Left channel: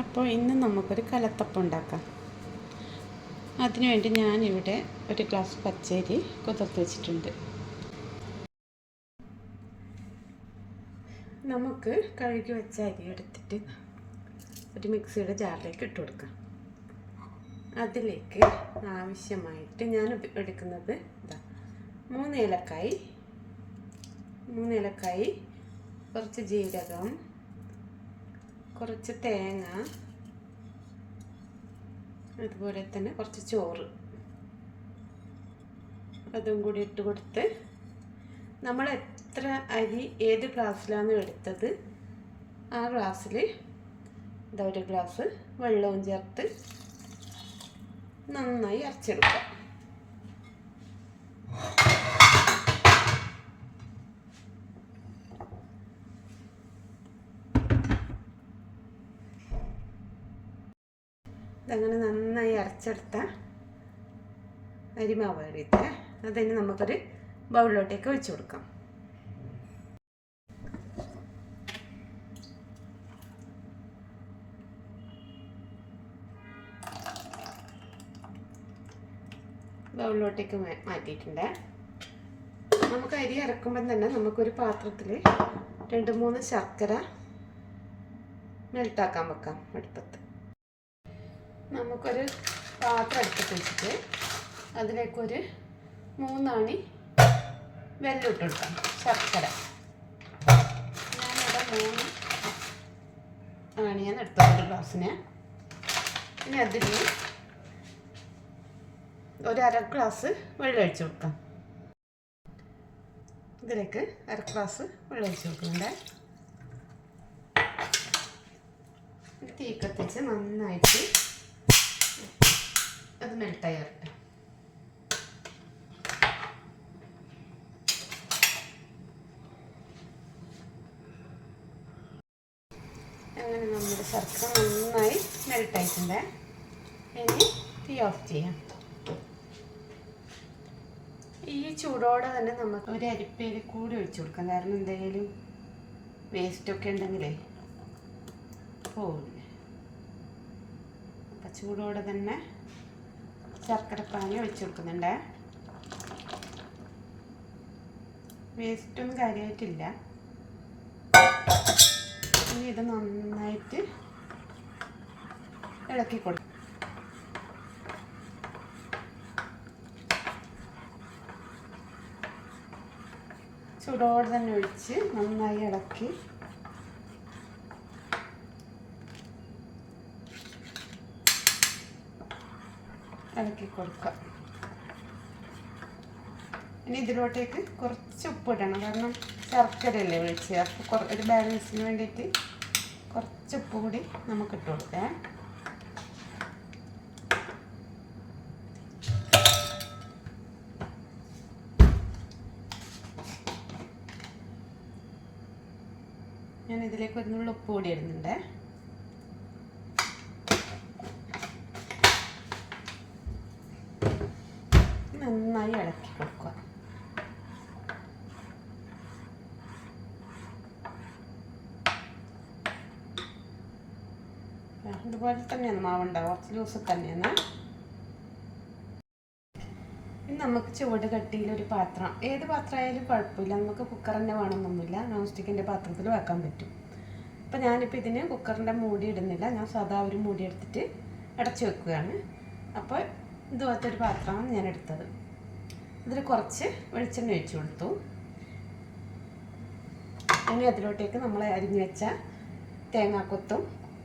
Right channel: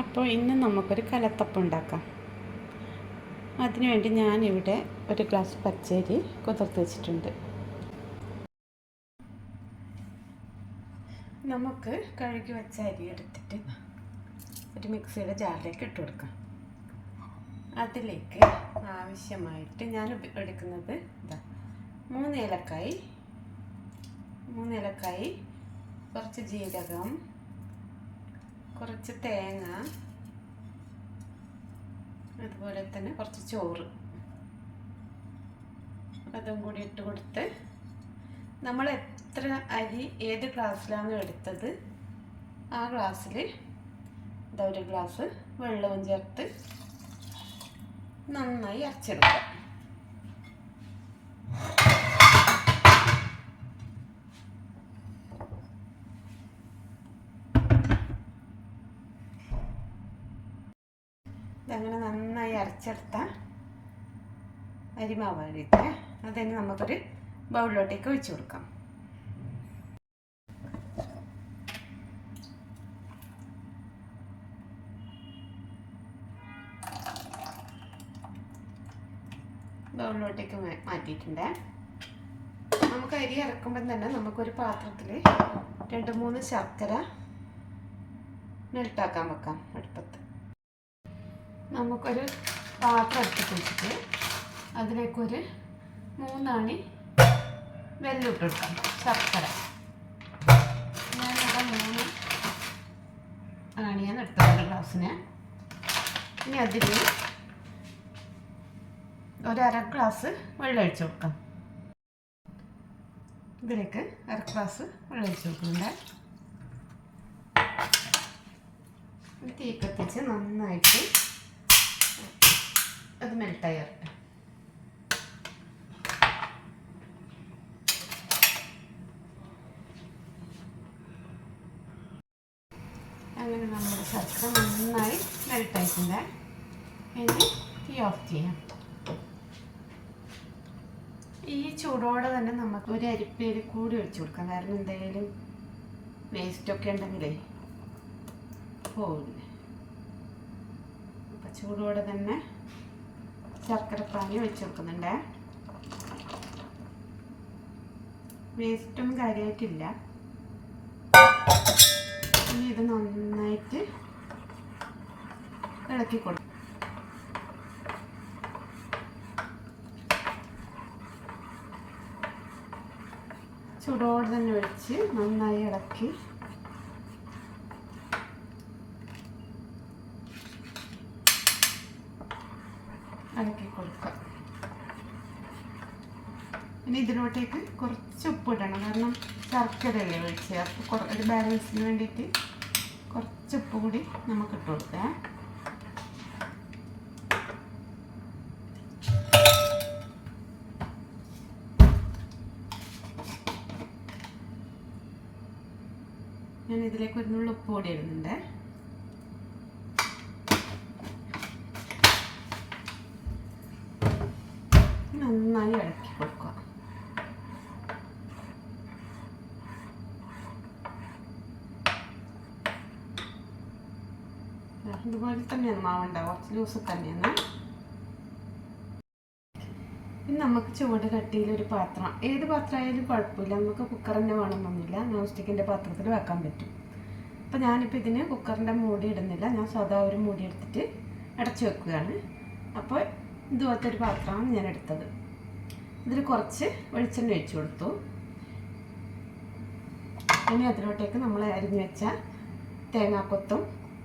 അപ്പോൾ ഇന്ന് നമുക്കൊരു കലത്തപ്പം ഉണ്ടാക്കാം. അതിനുവേണ്ടി ഞാനിവിടെ ഒരു ഗ്ലാസ് പച്ചരി കുതിർത്ത് വെച്ചിട്ടുണ്ട്. നമുക്ക് കഴുകി വെച്ച അരി എടുത്തിട്ട് ഒരു മിക്സിയുടെ ജാറിലേക്ക് ഇട്ട് കൊടുക്കാം. അതിലേക്ക് ആവശ്യമായിട്ട് ഞാൻ എടുക്കുന്നത് മൂന്ന് ഏലക്കായി, കുറച്ച് ജീരകം, കുറച്ച് തേങ്ങ, അതുപോലെ തന്നെ കുറച്ച് ചോറ്, അതും കൂടി ഇട്ട് കൊടുത്ത് നമ്മൾ എത്ര അരി ഏത് ഗ്ലാസ്സിലാണ് എടുത്തത് ആ ഗ്ലാസ്സിൽ ഒരു ഗ്ലാസ് വെള്ളവും ചേർത്ത് നന്നായി അരച്ചെടുക്കുക. ഇതങ്ങനെ നന്നായി അരച്ചെടുത്ത അരിമാവ് അരിയിട്ട് അതിന് നമുക്കൊരു ബൗളിലോട്ടേക്ക് ഒഴിച്ചു കൊടുക്കാം. ബൗളിലോട്ടേക്ക് മാറ്റിയിട്ടുണ്ട്. നമുക്ക് അരി അരക്കുമ്പം തന്നെ നമുക്കൊരു പാത്രത്തിൽ 2-3 ശർക്കര മെൽട്ടാക്കാൻ വെക്കാം അടുപ്പത്ത്. നമുക്കൊരു പാത്രം എടുത്തിട്ട് വെച്ചിട്ട് അതിലേക്കൊരു 3 അണി വെല്ലം ഇട്ട് കൊടുക്കാം. ശർക്കര ഞാനിവിടെ 3 അണിയാണ് എടുത്തത് ഒരു ഗ്ലാസ്സിന്. ഇനി അതിൽ ഒരു അര ഗ്ലാസ് വെള്ളം ഒഴിച്ച് കൊടുക്കാം. ഇതിലേക്ക് അര ഗ്ലാസ് വെള്ളം ഒഴിച്ച് കൊടുക്കുന്നുണ്ട്. തീ കത്തിച്ച് നന്നായിട്ട് അത് മെൽട്ടായി വരട്ടെ. അങ്ങനെ നമ്മുടെ ശർക്കര നന്നായി മെൽട്ടായിട്ടുണ്ട്. ഇനി തീ ഓഫ് ചെയ്യാം. ഈ ചൂടോടെ തന്നെ നമുക്ക് ഒരു അരിപ്പയിൽ കൂടി ഒഴിച്ചു കൊടുക്കാം. കാരണം എന്തെങ്കിലും വേസ്റ്റൊക്കെ ഉണ്ടെങ്കിലേ പോവില്ല. അപ്പം ചൂടോടെ തന്നെ ശർക്കരപ്പാനി ഒഴിച്ചു കൊടുക്കുന്നുണ്ട്. വേസ്റ്റൊന്നും കാര്യമായിട്ടില്ല. ഇനി ഇത് നന്നായിട്ട് ഇളക്കി കൊടുക്കും. ചൂടോടെ തന്നെ ഒഴിച്ച് നന്നായി ഇളക്കി കൊടുക്കുക. ഇനി ഇതിലോട്ടേക്ക് കുറച്ച് ഉപ്പ് ഇടണം. കാരണം ശർക്കരയല്ലേ ഒഴിച്ച്, അപ്പോൾ ഒരു ബാലൻസിന് വേണ്ടിയിട്ട് കുറച്ച് ഉപ്പ് കൂടി നമുക്ക് ഇട്ട് കൊടുക്കാം. ഞാൻ ഇതിലേക്ക് ഒരു നുള്ളു ഉപ്പ് കൂടി ഇടുന്നുണ്ട്. നന്നായി ഇളക്കി കൊടുക്കുക. ഇതുപോലെ തന്നെയാണ് മാവുണ്ടാവുക, കുറച്ച് ലൂസ് തന്നെയാണ്. ഇനി നമുക്ക് ചുവട് കട്ടിയിലൊരു പാത്രം, ഏത് പാത്രമായാലും കുഴപ്പമില്ല, നമുക്ക് കുക്കർ തന്നെ വേണമെന്നൊന്നുമില്ല, നോൺ സ്റ്റിക്കിൻ്റെ പാത്രത്തിൽ വെക്കാൻ പറ്റും. അപ്പോൾ ഞാനിപ്പോൾ ഇതിന് കുക്കറിൻ്റെ മൂടി ഇടുന്നില്ല, ഞാൻ സാധാ ഒരു മൂടി എടുത്തിട്ട് അടച്ചു വെക്കുകയാണ്. അപ്പോൾ ഇതുപോലത്തെ ഒരു പാത്രമാണ് ഞാൻ എടുത്തത്. ഇതിൽ കുറച്ച് വെളിച്ചെണ്ണ ഒഴിച്ചു കൊടുത്തു. ഇനി അതിലോട്ടേക്ക് നമ്മൾ അരിഞ്ഞു വെച്ച തേങ്ങാക്കൊത്തും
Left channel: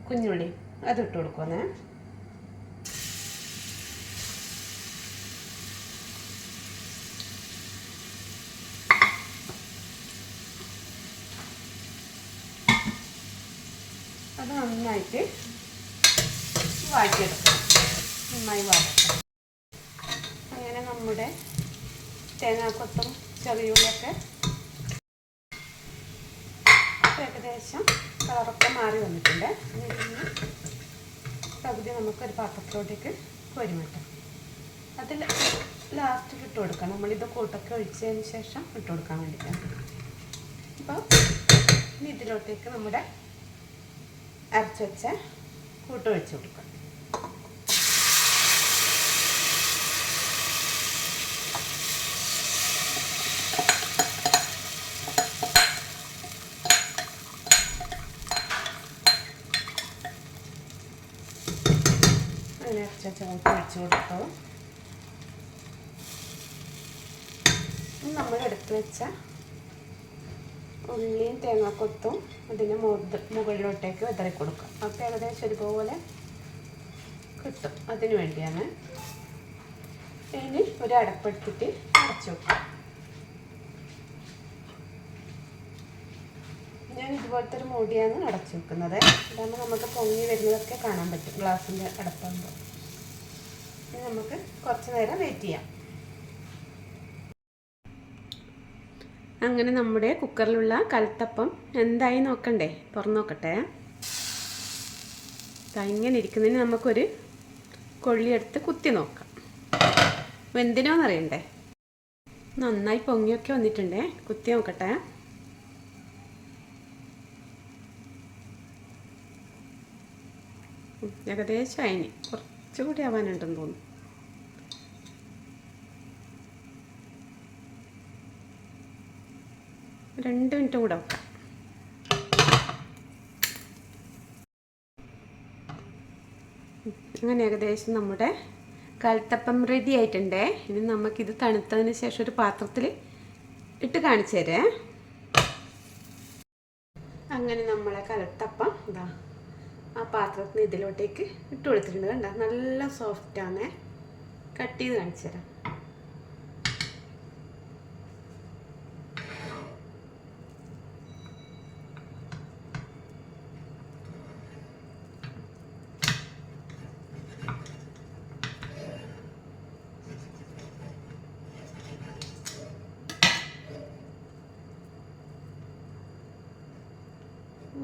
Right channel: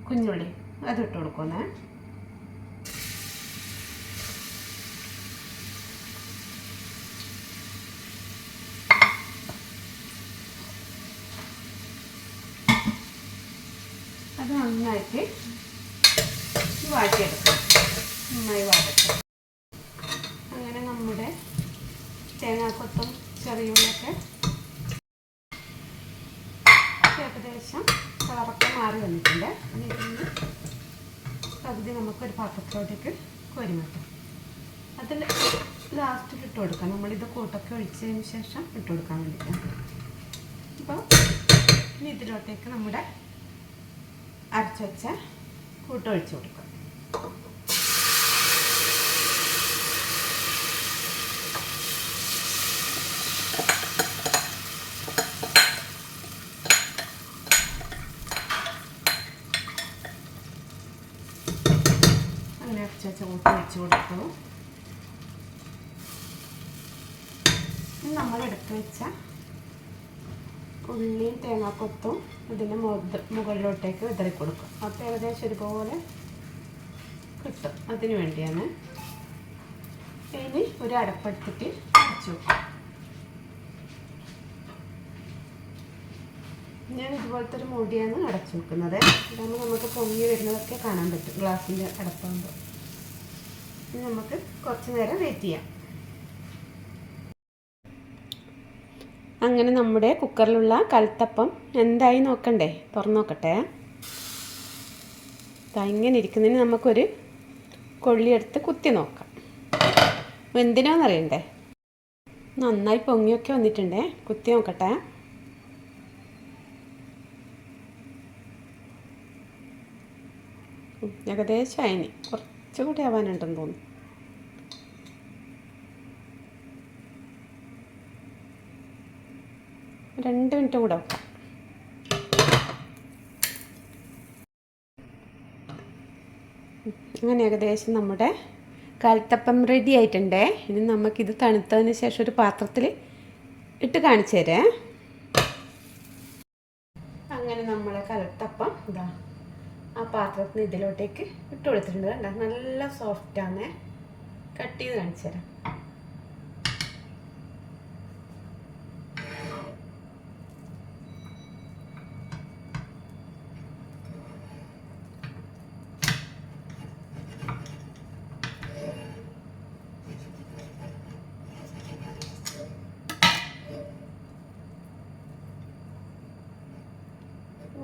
കുഞ്ഞുള്ളി അതിട്ട് കൊടുക്കുന്നേ. അത് നന്നായിട്ട് വാട്ടിയെടുക്കാം. നന്നായി വാടട്ടെ. അങ്ങനെ നമ്മുടെ തേങ്ങാക്കൊത്തും ചെറിയുള്ളിയൊക്കെ ഏകദേശം കളറൊക്കെ മാറി വന്നിട്ടുണ്ട്. ഇതിന് പകുതി നമുക്കൊരു പാത്രത്തിലോട്ടേക്ക് കോരി മാറ്റാം. അതിൽ ലാസ്റ്റിൽ ഇട്ട് കൊടുക്കാം. നമ്മളിത് കൂട്ടൊക്കെ ഒഴിച്ചതിന് ശേഷം ഇട്ട് കൊടുക്കാൻ വേണ്ടിയിട്ടാണ്. അപ്പോൾ ഇനി ഇതിലോട്ടേക്ക് നമ്മുടെ അരച്ച് വെച്ച കൂട്ടൊഴിച്ച് കൊടുക്കാം. അങ്ങനെ അരച്ച കൂട്ടി വെച്ച് കൊടുത്തു. നമ്മൾ എടുത്ത് വെച്ച ഉള്ളിയും തേങ്ങാക്കൊത്തും അതിന് മുകളിലോട്ടേക്ക് വിതറി കൊടുക്കും. അപ്പോൾ ഏകദേശം ഒരുപോലെ കിട്ടും. അതിന് വേണ്ടിയാണ്. ഇനി ഒരു അടപ്പെടുത്തിട്ട് അടച്ചു വെക്കും. ഞാൻ ഇതുപോലത്തെ ഒരു മൂടിയാണ് അടച്ചു വെക്കുന്നത്. ഇതാകുമ്പോൾ നമുക്ക് പൊങ്ങി വരുന്നതൊക്കെ കാണാൻ പറ്റും ഗ്ലാസിൻ്റെ അടപ്പാകുമ്പോൾ. ഇനി നമുക്ക് കുറച്ച് നേരം വെയിറ്റ് ചെയ്യാം. അങ്ങനെ നമ്മുടെ കുക്കറിലുള്ള കലത്തപ്പം എന്തായി നോക്കണ്ടേ? തുറന്നു നോക്കട്ടെ. ഇങ്ങനെ ഇരിക്കുന്നതിന് നമുക്കൊരു കൊള്ളിയെടുത്ത് കുത്തി നോക്കാം. എന്തിനാണെന്നറിയണ്ടേ? നന്നായി പൊങ്ങിയൊക്കെ വന്നിട്ടുണ്ടേ. കുത്തി നോക്കട്ടെ. ഏകദേശം അതിന് കുറച്ചുകൂടി ആവാനുണ്ടെന്ന് തോന്നുന്നു. രണ്ട് മിനിറ്റ് കൂടെ വെക്കാം. അങ്ങനെ ഏകദേശം നമ്മുടെ കലത്തപ്പം റെഡി ആയിട്ടുണ്ടേ. ഇനി നമുക്കിത് തണുത്തതിന് ശേഷം ഒരു പാത്രത്തിൽ ഇട്ട് കാണിച്ചു തരാം. അങ്ങനെ നമ്മളെ കലത്തപ്പം ഇതാ ആ പാത്രത്തിന് ഇതിലോട്ടേക്ക് ഇട്ട് കൊടുത്തിട്ടുണ്ട്. കണ്ടോ, നല്ല സോഫ്റ്റാണ്. കട്ട് ചെയ്ത് കാണിച്ചു തരാം.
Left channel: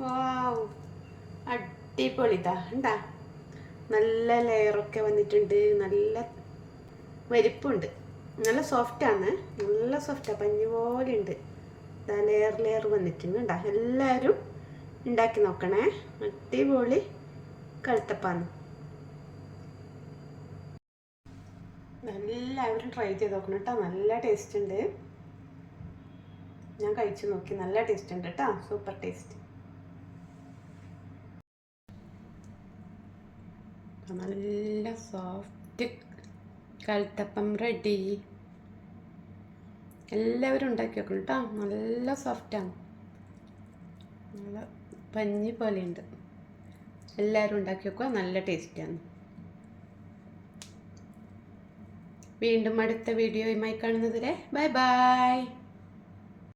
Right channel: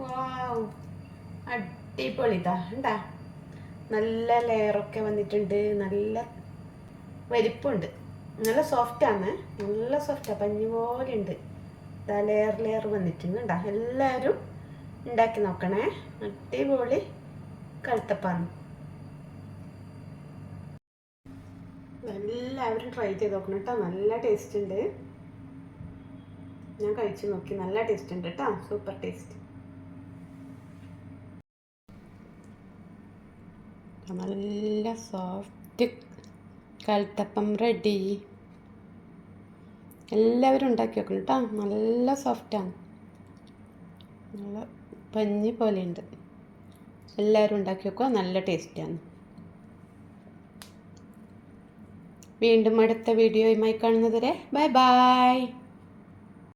വാവ്, അടിപൊളി. ഇതാ ഉണ്ടാ, നല്ല ലെയറൊക്കെ വന്നിട്ടുണ്ട്. നല്ല വലിപ്പമുണ്ട്. നല്ല സോഫ്റ്റാണ്. നല്ല സോഫ്റ്റാണ്. പഞ്ഞു പോലെ ഉണ്ട്. ഇതാ ലെയർ വന്നിട്ടുണ്ട്. ഉണ്ടാ, എല്ലാവരും ഉണ്ടാക്കി നോക്കണേ. അടിപൊളി കലത്തപ്പാണ്. എല്ലാവരും ട്രൈ ചെയ്ത് നോക്കണം കേട്ടോ. നല്ല ടേസ്റ്റ് ഉണ്ട്. ഞാൻ കഴിച്ചു നോക്കി. നല്ല ടേസ്റ്റ് ഉണ്ട് കേട്ടോ. Super taste. നല്ല സോഫ്റ്റ് കലത്തപ്പം റെഡി. എല്ലാവരും ഉണ്ടാക്കി വെക്കണം കേട്ടോ. നല്ല സോഫ്റ്റാണ്. നല്ല പഞ്ഞി പോലെ ഉണ്ട്. എല്ലാവരും ഉണ്ടാക്കി വെക്കുക. നല്ല ടേസ്റ്റാണ്. വീണ്ടും അടുത്ത വീഡിയോയുമായി കാണുന്നത് വരെ ബൈ ബൈ.